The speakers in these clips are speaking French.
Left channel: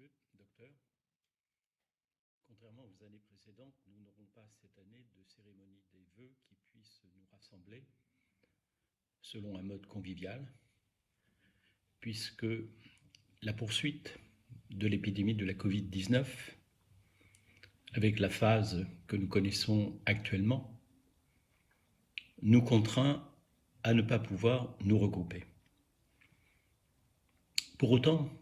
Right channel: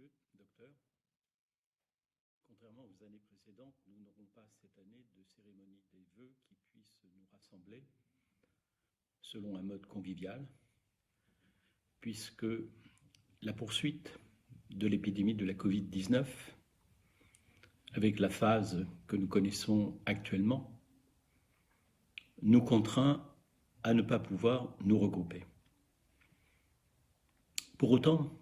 messieurs, docteur, contrairement aux années précédentes, nous n'aurons pas cette année de cérémonie des vœux qui puisse nous rassembler selon un mode convivial, puisque la poursuite de l'épidémie de la Covid-19, avec la phase que nous connaissons actuellement, nous contraint à ne pas pouvoir nous regrouper. Pour autant,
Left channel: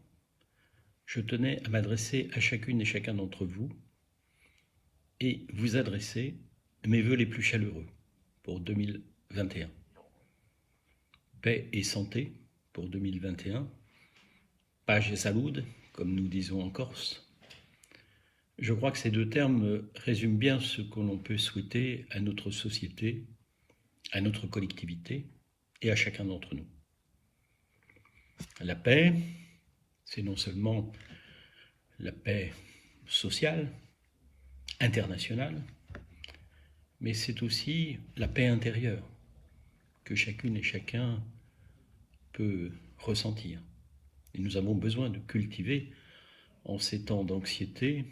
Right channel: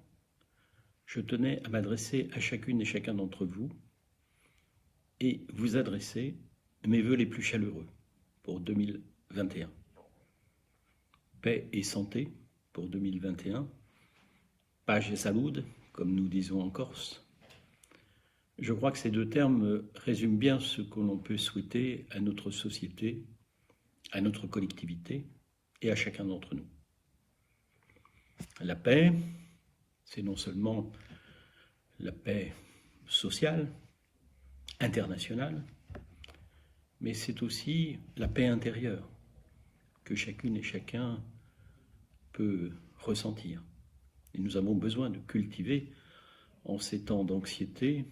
je tenais à m'adresser à chacune et chacun d'entre vous et vous adresser mes vœux les plus chaleureux pour 2021. Paix et santé pour 2021, page et salud, comme nous disons en Corse. Je crois que ces deux termes résument bien ce que l'on peut souhaiter à notre société, à notre collectivité et à chacun d'entre nous. La paix, c'est non seulement la paix sociale, internationale, mais c'est aussi la paix intérieure que chacune et chacun peut ressentir. Et nous avons besoin de cultiver, en ces temps d'anxiété,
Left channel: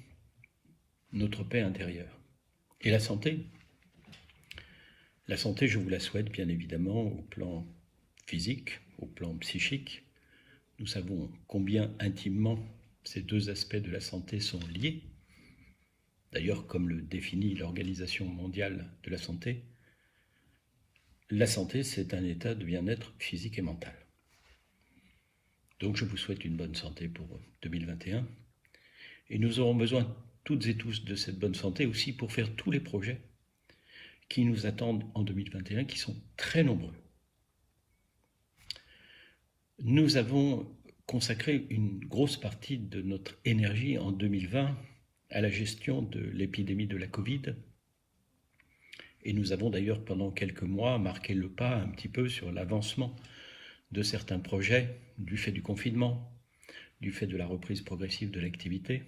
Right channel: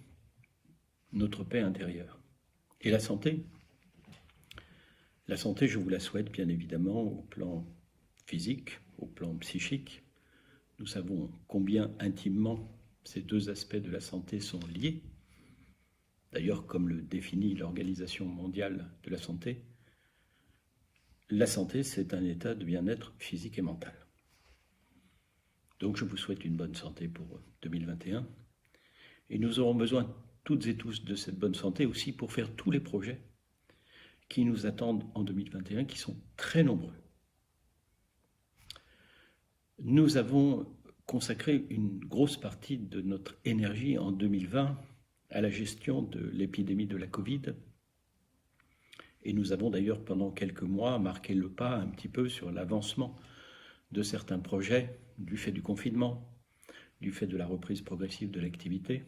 notre paix intérieure. Et la santé, je vous la souhaite bien évidemment au plan physique, au plan psychique. Nous savons combien intimement ces deux aspects de la santé sont liés. D'ailleurs, comme le définit l'Organisation mondiale de la santé, c'est un état de bien-être physique et mental. Donc je vous souhaite une bonne santé pour 2021. Et nous aurons besoin toutes et tous de cette bonne santé aussi pour faire tous les projets qui nous attendent en 2021, qui sont très nombreux. Nous avons consacré une grosse partie de notre énergie en 2020 à la gestion de l'épidémie de la Covid. Et nous avons d'ailleurs pendant quelques mois marqué le pas un petit peu sur l'avancement de certains projets du fait du confinement, du fait de la reprise progressive de l'activité.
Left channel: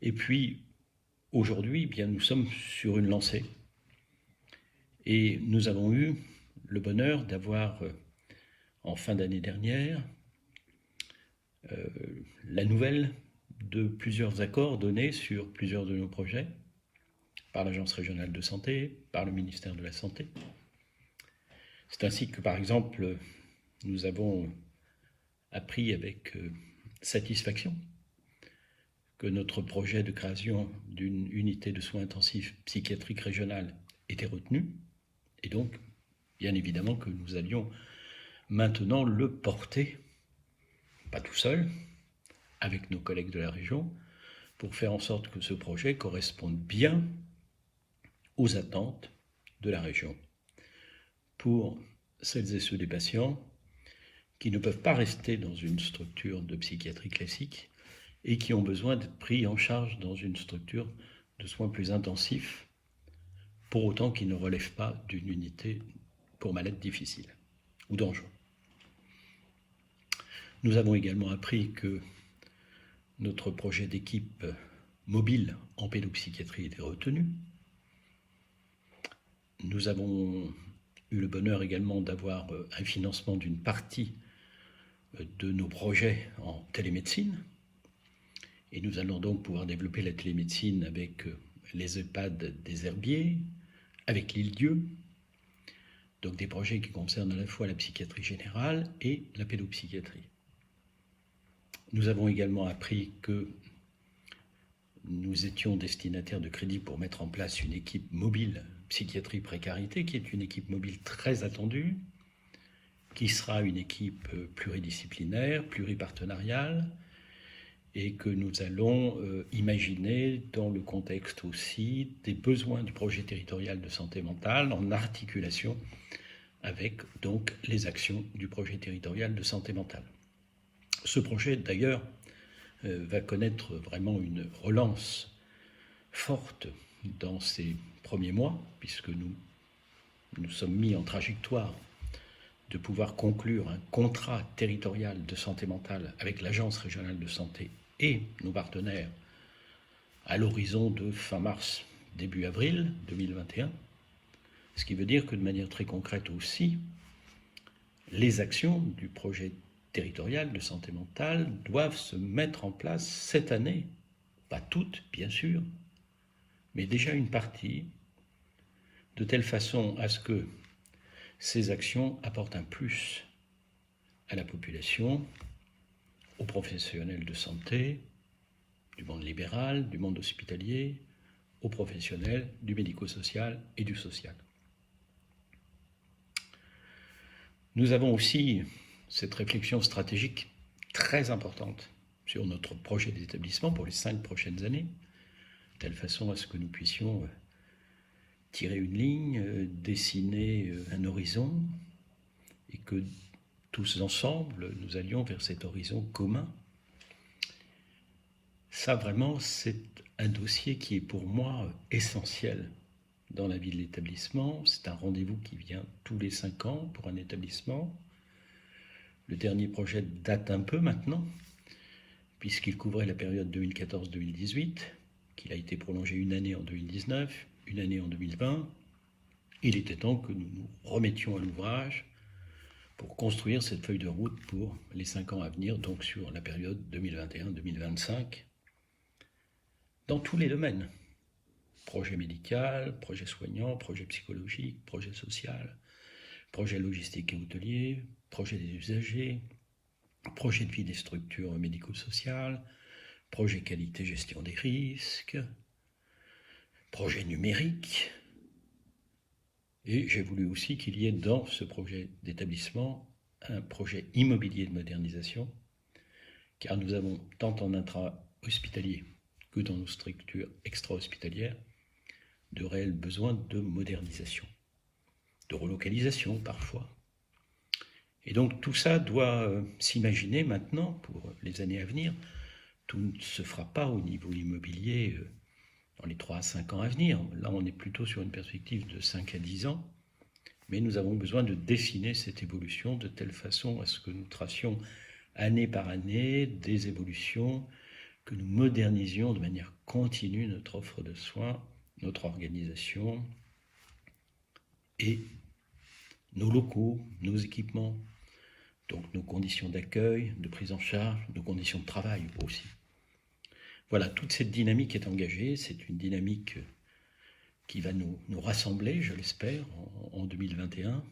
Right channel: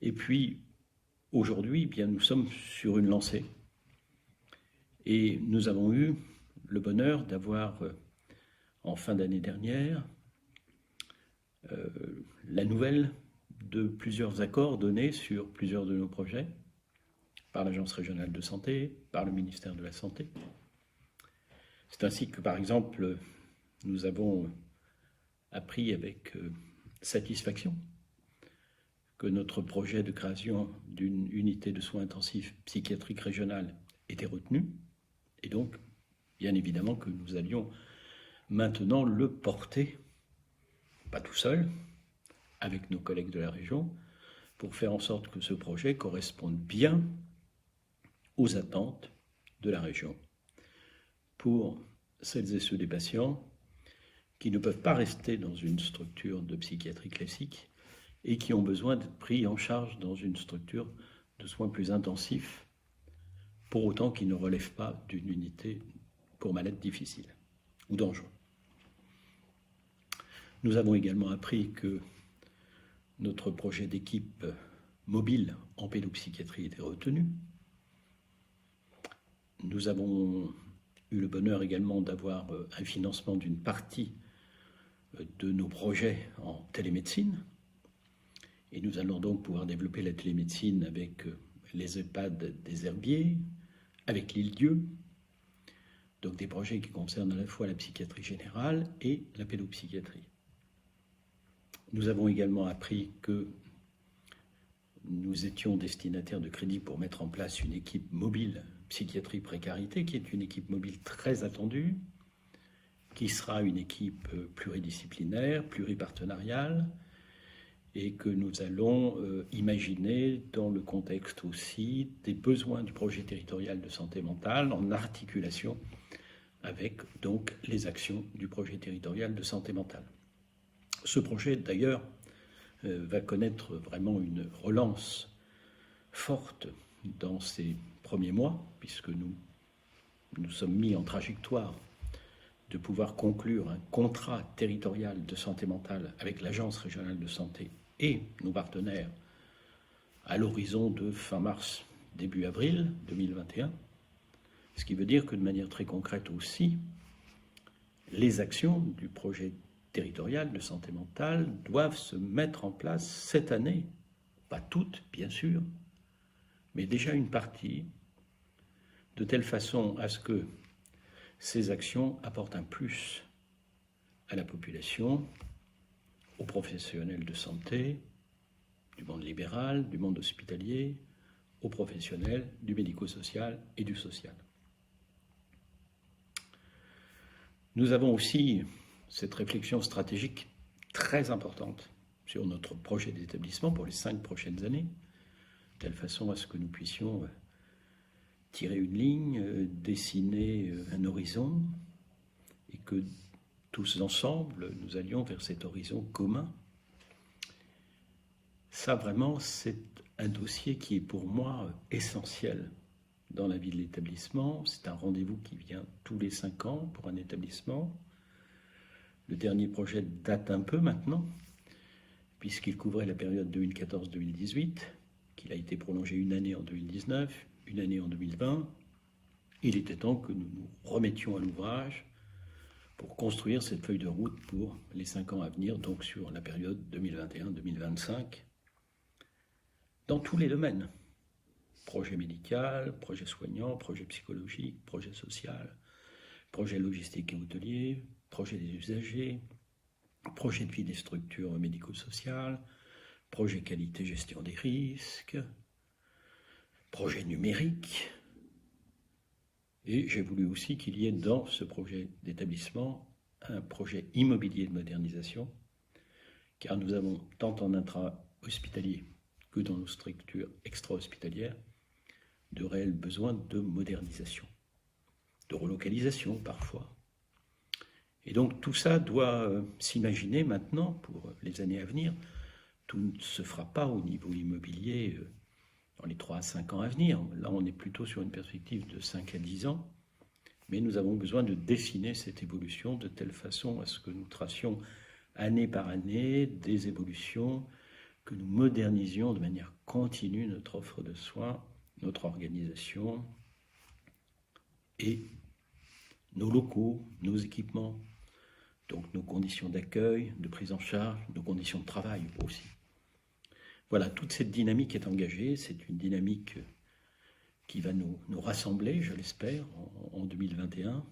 Et puis, aujourd'hui, bien, nous sommes sur une lancée. Et nous avons eu le bonheur d'avoir, en fin d'année dernière, la nouvelle de plusieurs accords donnés sur plusieurs de nos projets, par l'Agence régionale de santé, par le ministère de la Santé. C'est ainsi que, par exemple, nous avons appris avec satisfaction que notre projet de création d'une unité de soins intensifs psychiatriques régionale était retenu, et donc, bien évidemment, que nous allions maintenant le porter, pas tout seul, avec nos collègues de la région, pour faire en sorte que ce projet corresponde bien aux attentes de la région, pour celles et ceux des patients qui ne peuvent pas rester dans une structure de psychiatrie classique et qui ont besoin d'être pris en charge dans une structure de soins plus intensifs, pour autant qu'ils ne relèvent pas d'une unité pour malades difficiles ou dangereux. Nous avons également appris que notre projet d'équipe mobile en pédopsychiatrie était retenu. Nous avons eu le bonheur également d'avoir un financement d'une partie de nos projets en télémédecine. Et nous allons donc pouvoir développer la télémédecine avec les EHPAD des Herbiers, avec l'Île-Dieu, donc des projets qui concernent à la fois la psychiatrie générale et la pédopsychiatrie. Nous avons également appris que nous étions destinataires de crédits pour mettre en place une équipe mobile psychiatrie précarité, qui est une équipe mobile très attendue, qui sera une équipe pluridisciplinaire, pluripartenariale, et que nous allons imaginer dans le contexte aussi des besoins du projet territorial de santé mentale en articulation avec donc les actions du projet territorial de santé mentale. Ce projet d'ailleurs va connaître vraiment une relance forte dans ces premiers mois, puisque nous sommes mis en trajectoire de pouvoir conclure un contrat territorial de santé mentale avec l'Agence régionale de santé et nos partenaires à l'horizon de fin mars, début avril 2021, ce qui veut dire que de manière très concrète aussi, les actions du projet territoriales de santé mentale doivent se mettre en place cette année. Pas toutes, bien sûr, mais déjà une partie, de telle façon à ce que ces actions apportent un plus à la population, aux professionnels de santé, du monde libéral, du monde hospitalier, aux professionnels du médico-social et du social. Nous avons aussi cette réflexion stratégique très importante sur notre projet d'établissement pour les 5 prochaines années, de telle façon à ce que nous puissions tirer une ligne, dessiner un horizon, et que tous ensemble, nous allions vers cet horizon commun. Ça, vraiment, c'est un dossier qui est pour moi essentiel dans la vie de l'établissement. C'est un rendez-vous qui vient tous les 5 ans pour un établissement. Le dernier projet date un peu maintenant, puisqu'il couvrait la période 2014-2018, qu'il a été prolongé une année en 2019, une année en 2020. Il était temps que nous nous remettions à l'ouvrage pour construire cette feuille de route pour les 5 ans à venir, donc sur la période 2021-2025, dans tous les domaines. Projet médical, projet soignant, projet psychologique, projet social, projet logistique et hôtelier, projet des usagers, projet de vie des structures médico-sociales, projet qualité-gestion des risques, projet numérique. Et j'ai voulu aussi qu'il y ait dans ce projet d'établissement un projet immobilier de modernisation, car nous avons tant en intra-hospitalier que dans nos structures extra-hospitalières de réels besoins de modernisation, de relocalisation parfois. Et donc tout ça doit s'imaginer maintenant pour les années à venir. Tout ne se fera pas au niveau immobilier dans les 3 à 5 ans à venir. Là, on est plutôt sur une perspective de 5 à 10 ans. Mais nous avons besoin de dessiner cette évolution de telle façon à ce que nous tracions année par année des évolutions, que nous modernisions de manière continue notre offre de soins, notre organisation et nos locaux, nos équipements, donc nos conditions d'accueil, de prise en charge, nos conditions de travail aussi. Voilà, toute cette dynamique est engagée, c'est une dynamique qui va nous rassembler, je l'espère, en 2021.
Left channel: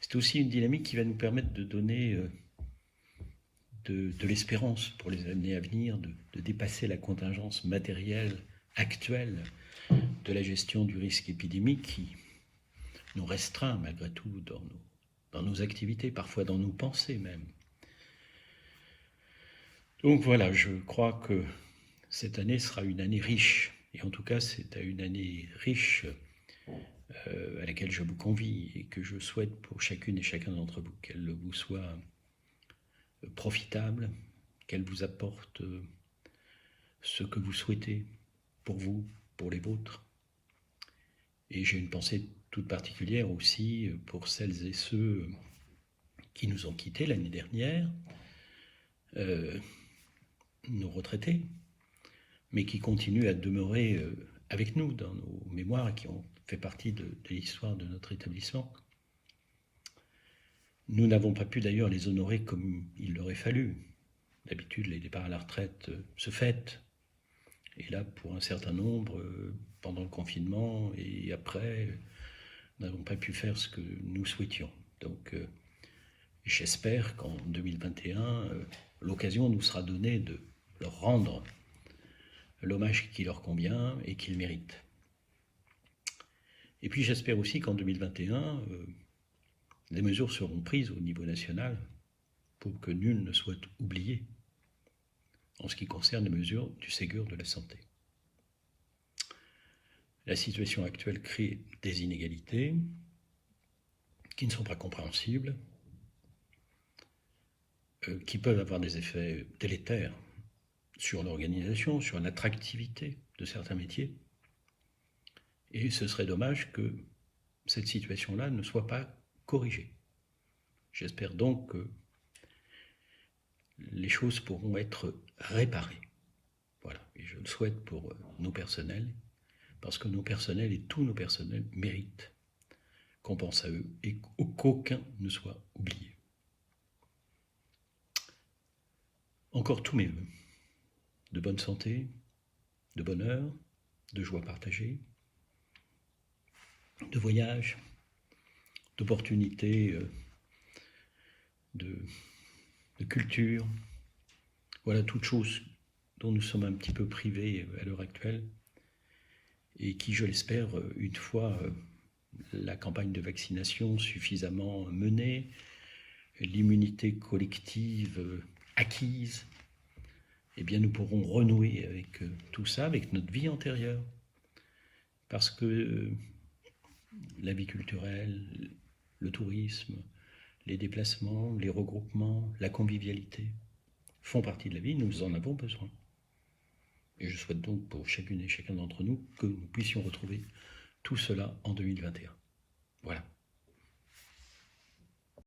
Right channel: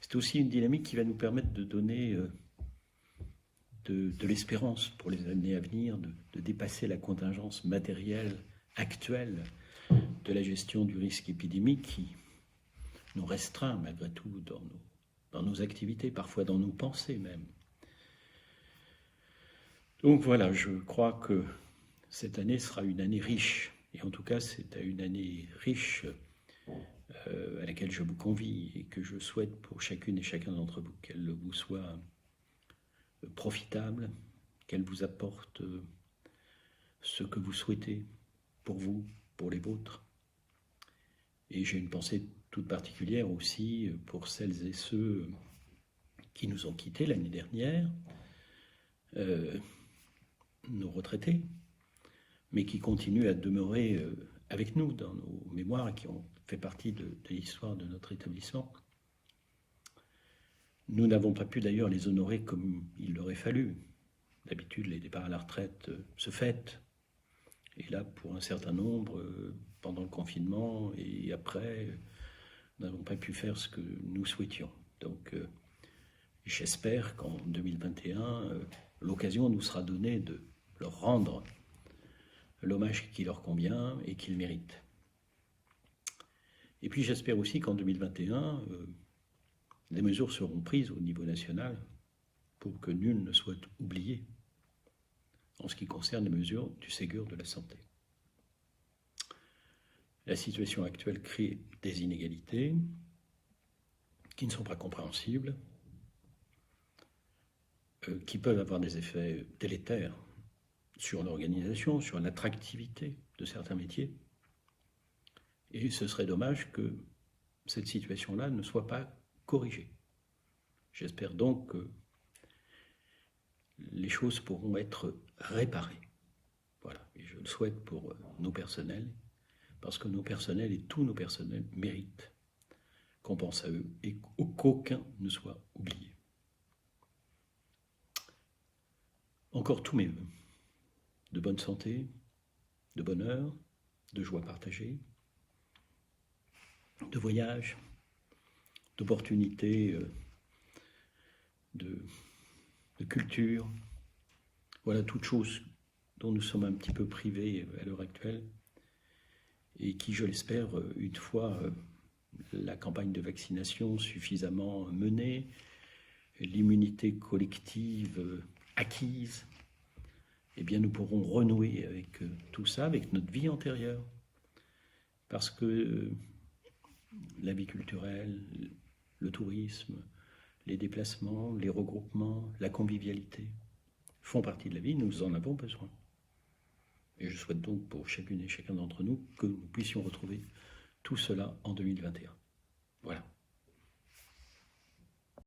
C'est aussi une dynamique qui va nous permettre de donner de l'espérance pour les années à venir, de dépasser la contingence matérielle actuelle de la gestion du risque épidémique qui nous restreint malgré tout dans nos activités, parfois dans nos pensées même. Donc voilà, je crois que cette année sera une année riche, et en tout cas c'est une année riche à laquelle je vous convie et que je souhaite pour chacune et chacun d'entre vous, qu'elle vous soit profitable, qu'elle vous apporte ce que vous souhaitez pour vous, pour les vôtres. Et j'ai une pensée toute particulière aussi pour celles et ceux qui nous ont quittés l'année dernière, nos retraités, mais qui continuent à demeurer avec nous dans nos mémoires et qui ont fait partie de l'histoire de notre établissement. Nous n'avons pas pu d'ailleurs les honorer comme il aurait fallu. D'habitude, les départs à la retraite se fêtent. Et là, pour un certain nombre, pendant le confinement et après, nous n'avons pas pu faire ce que nous souhaitions. Donc, j'espère qu'en 2021, l'occasion nous sera donnée de leur rendre l'hommage qui leur convient et qu'ils méritent. Et puis j'espère aussi qu'en 2021, des mesures seront prises au niveau national pour que nul ne soit oublié en ce qui concerne les mesures du Ségur de la santé. La situation actuelle crée des inégalités qui ne sont pas compréhensibles, qui peuvent avoir des effets délétères sur l'organisation, sur l'attractivité de certains métiers. Et ce serait dommage que cette situation-là ne soit pas corrigée. J'espère donc que les choses pourront être réparées. Voilà, et je le souhaite pour nos personnels, parce que nos personnels et tous nos personnels méritent qu'on pense à eux et qu'aucun ne soit oublié. encore tous mes voeux. De bonne santé, de bonheur, de joie partagée, de voyage, d'opportunités, de culture. Voilà toutes choses dont nous sommes un petit peu privés à l'heure actuelle et qui, je l'espère, une fois la campagne de vaccination suffisamment menée, l'immunité collective acquise, eh bien nous pourrons renouer avec tout ça, avec notre vie antérieure. Parce que la vie culturelle, le tourisme, les déplacements, les regroupements, la convivialité font partie de la vie, nous en avons besoin. Et je souhaite donc pour chacune et chacun d'entre nous que nous puissions retrouver tout cela en 2021. Voilà.